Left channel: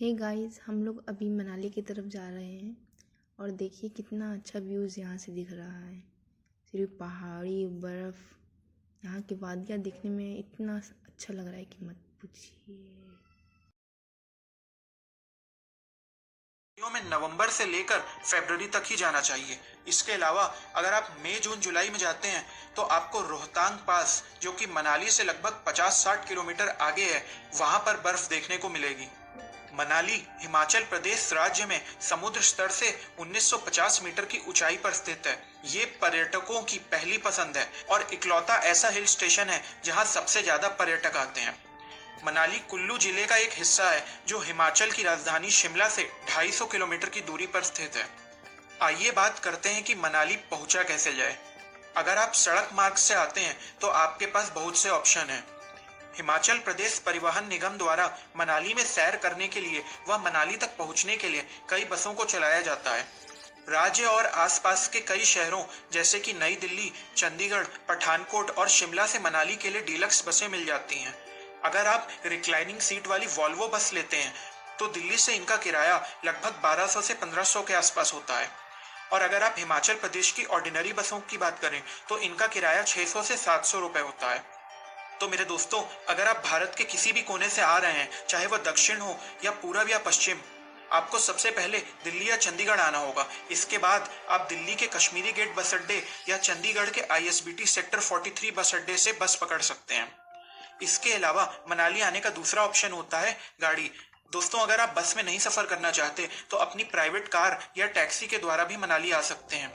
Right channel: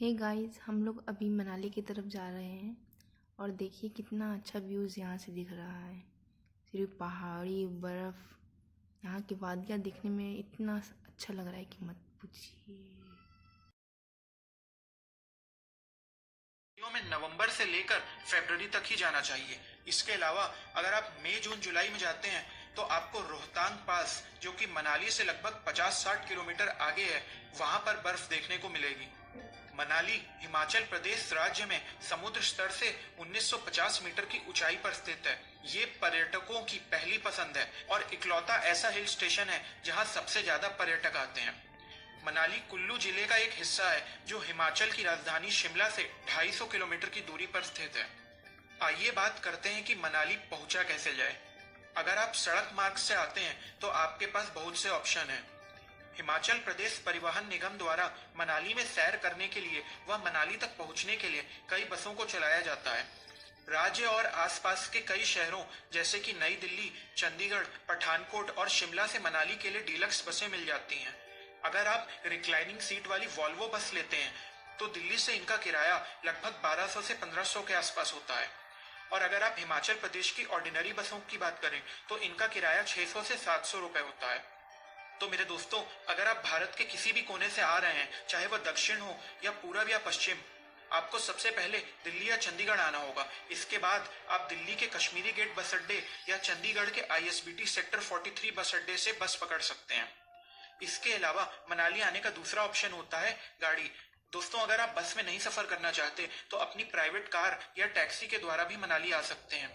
Hey guys, हम लोग अभी मनाली की तरफ जा रहे हैं और देखिए कितना अच्छा व्यूज़ यहाँ से दिख रहा है। सिर्फ पहाड़ी बर्फ़, यहाँ की वादियाँ दिखने में इतना अच्छा लग रहा है कि मत पूछिए। में नवंबर से लेकर फरवरी तक ही जाना चाहिए। इसके अलावा अगर आप मई जून जुलाई में जाते हैं तो आपको रोहतांग पास, जो कि मनाली से लगभग 50-60 किलोमीटर आगे है, वहां पर बर्फ देखने को मिलेगी। मनाली हिमाचल प्रदेश राज्य में समुद्र स्तर से 1950 मीटर की ऊंचाई पर स्थित है। ये पर्यटकों की पहली पसंद है और इकलौता ऐसा हिल स्टेशन है जहां सबसे ज्यादा पर्यटक आते हैं। मनाली कुल्लू जिले का एक हिस्सा है जो हिमाचल की राजधानी शिमला से 250 किलोमीटर की दूरी पर स्थित है। आइए बात करते हैं कि मनाली पहुंचा कैसे जाए। अगर आप सड़क मार्ग से आते हैं तो आपके पास बहुत से ऑप्शन हैं। हिमाचल प्रदेश परिवहन निगम द्वारा मनाली में सैर करने के लिए व मनाली तक पहुंचने के लिए कई बसों को चलाया जाता है। राज्य और आसपास के कई शहरों जैसे कि नई दिल्ली, चंडीगढ़, पठानकोट और शिमला से मनाली के लिए डीलक्स बसें मिल जाती हैं। अगर आप रिक्लाइनिंग सीट वाली वॉल्वो बस लेते हैं तो दिल्ली से इनका किराया लगभग 1200 से 1500 के आसपास होता है। और अगर आप हिमाचल प्रदेश की ऑर्डिनरी बसों की बात करें तो इनका किराया 600 से 700 रुपए होता है। तो मेरे दोस्तों, अगर आप भारत के किसी भी कोने से आ रहे हैं, चाहे वह दक्षिण हो या पूर्व या पश्चिम, आपको सबसे पहले दिल्ली या चंडीगढ़ आना होगा। इसके बाद आप दिल्ली के कश्मीरी गेट बस अड्डे या चंडीगढ़ के आईएसबीटी सेक्टर 43 बस अड्डे से बस पकड़ सकते हैं। इसके अलावा मनाली आने का दूसरा ऑप्शन होता है गाड़ी। दोस्तों, अगर आप बस में नहीं सफर करना चाहते तो अपनी प्राइवेट कार या टैक्सी के द्वारा भी मनाली आ सकते हैं।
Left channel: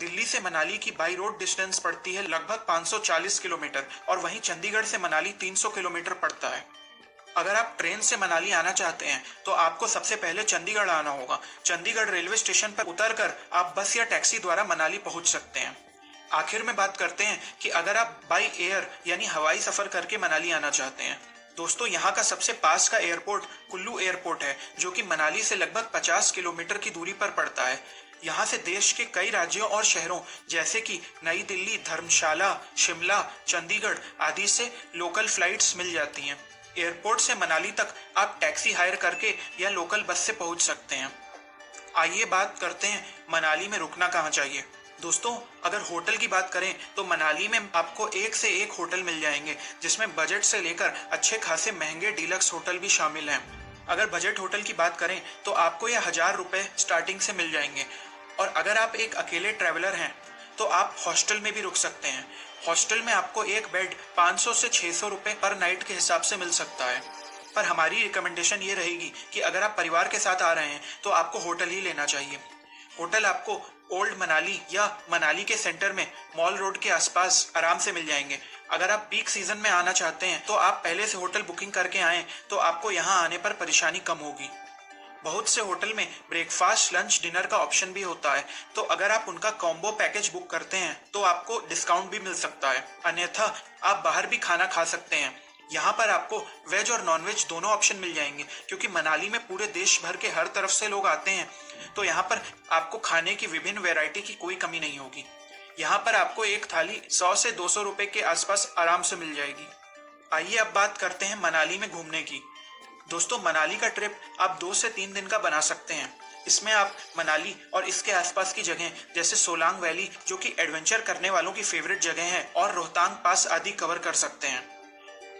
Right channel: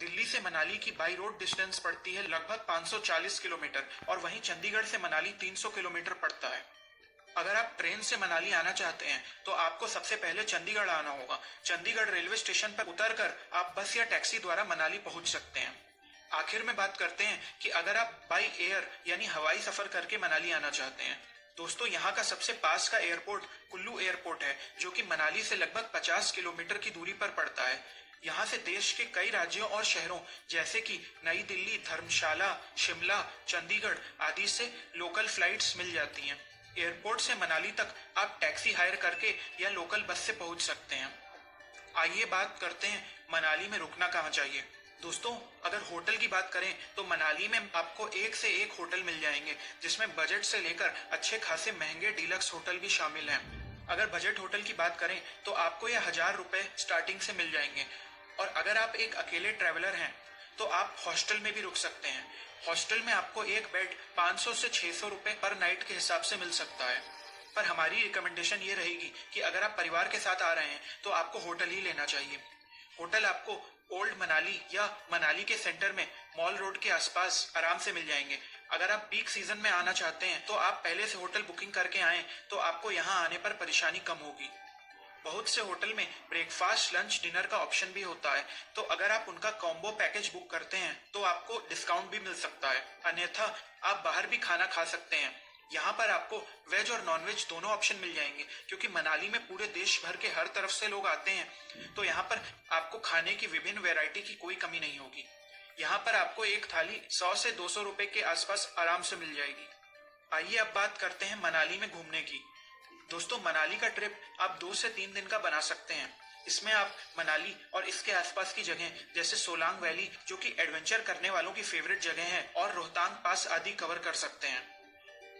दिल्ली से मनाली की बाई रोड डिस्टेंस पड़ती है लगभग 540 किलोमीटर और वहीं चंडीगढ़ से मनाली 300 किलोमीटर पड़ता है। अगर आप ट्रेन से मनाली आना चाहते हैं तो आपको सबसे पहले चंडीगढ़ आना होगा। चंडीगढ़ रेलवे स्टेशन पर उतरकर आप बस या टैक्सी द्वारा मनाली पहुंच सकते हैं। आखिर में बात करते हैं कि अगर आप बाई एयर यानी हवाई सफर करके मनाली आना चाहते हैं। दोस्तों, यहाँ का सबसे पास का एयरपोर्ट कुल्लू एयरपोर्ट है, जो कि मनाली से लगभग 50 किलोमीटर की दूरी पर पड़ता है। यहाँ से देश के कई राज्यों और शहरों जैसे कि नई दिल्ली, धर्मशाला, शिमला, चंडीगढ़ आदि से लोकल फ्लाइट्स मिल जाती हैं। एयरपोर्ट से मनाली तक आप टैक्सी हायर करके या लोकल बस से पहुंच सकते हैं। आइए बात करते हैं मनाली में रुकना कहाँ चाहिए। दोस्तों, अगर होटल की बात करें तो मनाली में आपको एक से एक होटल मिल जाएंगे, जिसमें बजट से लेकर अच्छे खासे महंगे डीलक्स होटल भी शामिल हैं। अगर बजट होटल की बात करें तो आपको यह 1000 रुपए स्टार्टिंग से मिल जाएंगे। और अगर आप एक अकेले ट्रैवलर हैं तो आप हॉस्टल में भी रुक सकते हैं। हॉस्टल में आपको एक बेड 500 से 600 रुपए पर नाइट के हिसाब से मिल सकता है। पर हमारी रिकमेंडेशन ये रहेगी कि अगर आप परिवार के साथ आ रहे हैं तो आपको होटल ही लेना चाहिए। होटल आपको ओल्ड मनाली या मनाली के सेंटर में मॉल रोड के आसपास आराम से मिल जाएंगे। अगर आप पीक सीजन में आना चाहते हैं तो आप पहले से होटल बुकिंग करके आएं तो आपको यहाँ आने पर परेशानी कम होगी। बहुत से होटल में ब्रेकफास्ट, लंच, डिनर का ऑप्शन भी होता है, तो अगर आप उनका कॉम्बो पैकेज बुक करते हैं तो आपको डिस्काउंट भी मिल सकता है। अन्यथा आप बाहर भी खाना खा सकते हैं। यहाँ पर आपको वेज और नॉन वेज दोनों ऑप्शन मिल जाएंगे, क्योंकि मनाली में पूरे देश भर के हर तरफ से लोग आते हैं, तो यहाँ पर आपको खाने की विभिन्न वैरायटी की कोई कमी नहीं होगी। यहाँ पर आपको एक थाली 100 से 200 रुपए के आसपास आराम से मिल जाएगी। आइए अब बात करते हैं मनाली में घूमने की। दोस्तों, मनाली का ट्रिप आप 2 से 3 दिन का बना सकते हैं। इसमें आप मनाली और इसके आसपास की जगह जैसे सोलांग वैली, जो कि एडवेंचर करने वालों की फेवरेट जगह है, और रोहतांग पास आदि कवर कर सकते हैं।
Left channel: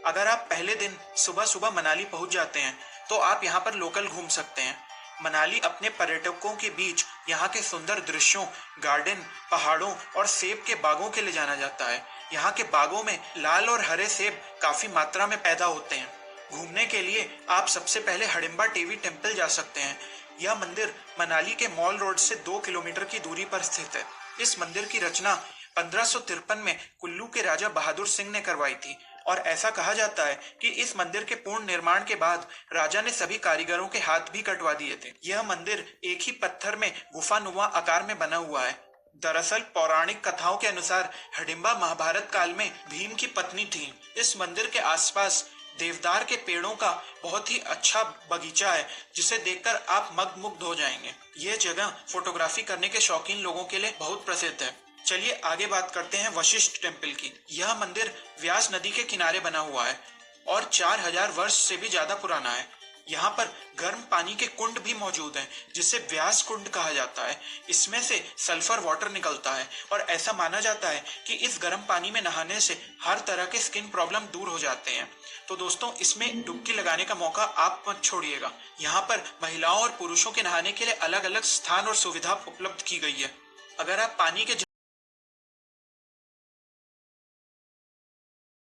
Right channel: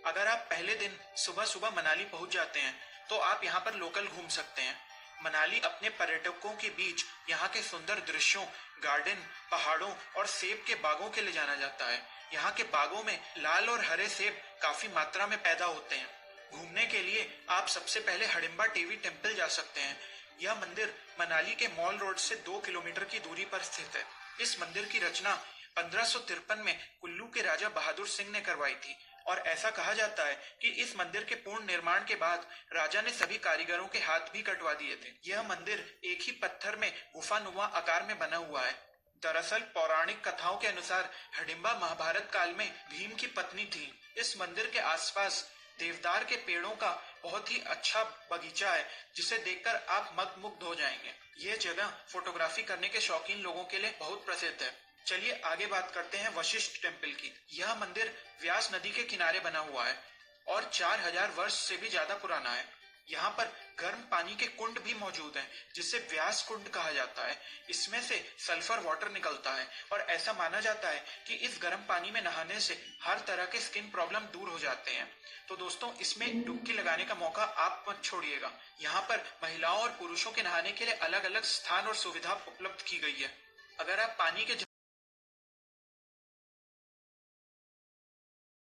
अगर आप पहले दिन सुबह सुबह मनाली पहुंच जाते हैं तो आप यहाँ पर लोकल घूम सकते हैं। मनाली अपने पर्यटकों के बीच यहाँ के सुंदर दृश्यों, गार्डन, पहाड़ों और सेब के बागों के लिए जाना जाता है। यहाँ के बागों में लाल और हरे सेब काफी मात्रा में पैदा होते हैं। घूमने के लिए आप सबसे पहले हडिम्बा टीवी टेम्पल जा सकते हैं। यह मंदिर मनाली के मॉल रोड से 2 किलोमीटर की दूरी पर स्थित है। इस मंदिर की रचना 1553 में कुल्लू के राजा बहादुर सिंह ने करवाई थी, और ऐसा कहा जाता है कि इस मंदिर के पूर्ण निर्माण के बाद राजा ने सभी कारीगरों के हाथ भी कटवा दिए थे। यह मंदिर एक ही पत्थर में गुफानुमा आकार में बना हुआ है। दरअसल पौराणिक कथाओं के अनुसार हडिम्बा महाभारत काल में भीम की पत्नी थी। इस मंदिर के आसपास देवदार के पेड़ों का बहुत ही अच्छा बगीचा है, जिसे देखकर आप मंत्रमुग्ध हो जाएंगे। ये जगह फोटोग्राफी करने के शौकीन लोगों के लिए बहुत प्रसिद्ध है। चलिए आगे बात करते हैं वशिष्ठ टेम्पल की। यह मंदिर व्यास नदी के किनारे बना हुआ है और 4000 वर्ष से भी ज्यादा पुराना है। यहाँ पर गर्म पानी के कुंड भी मौजूद हैं, जिसे व्यास कुंड कहा जाता है। इसमें से सल्फर वाटर निकलता है और ऐसा माना जाता है कि इस गर्म पानी में नहाने से हर तरह के स्किन प्रॉब्लम दूर हो जाते हैं। तो दोस्तों, इसमें डुबकी लगाने का मौका आप मत छोड़िएगा। यहाँ पर महिलाओं और पुरुषों के नहाने के लिए अलग अलग स्थान और सुविधा उपलब्ध की गई है। अगर आप पानी के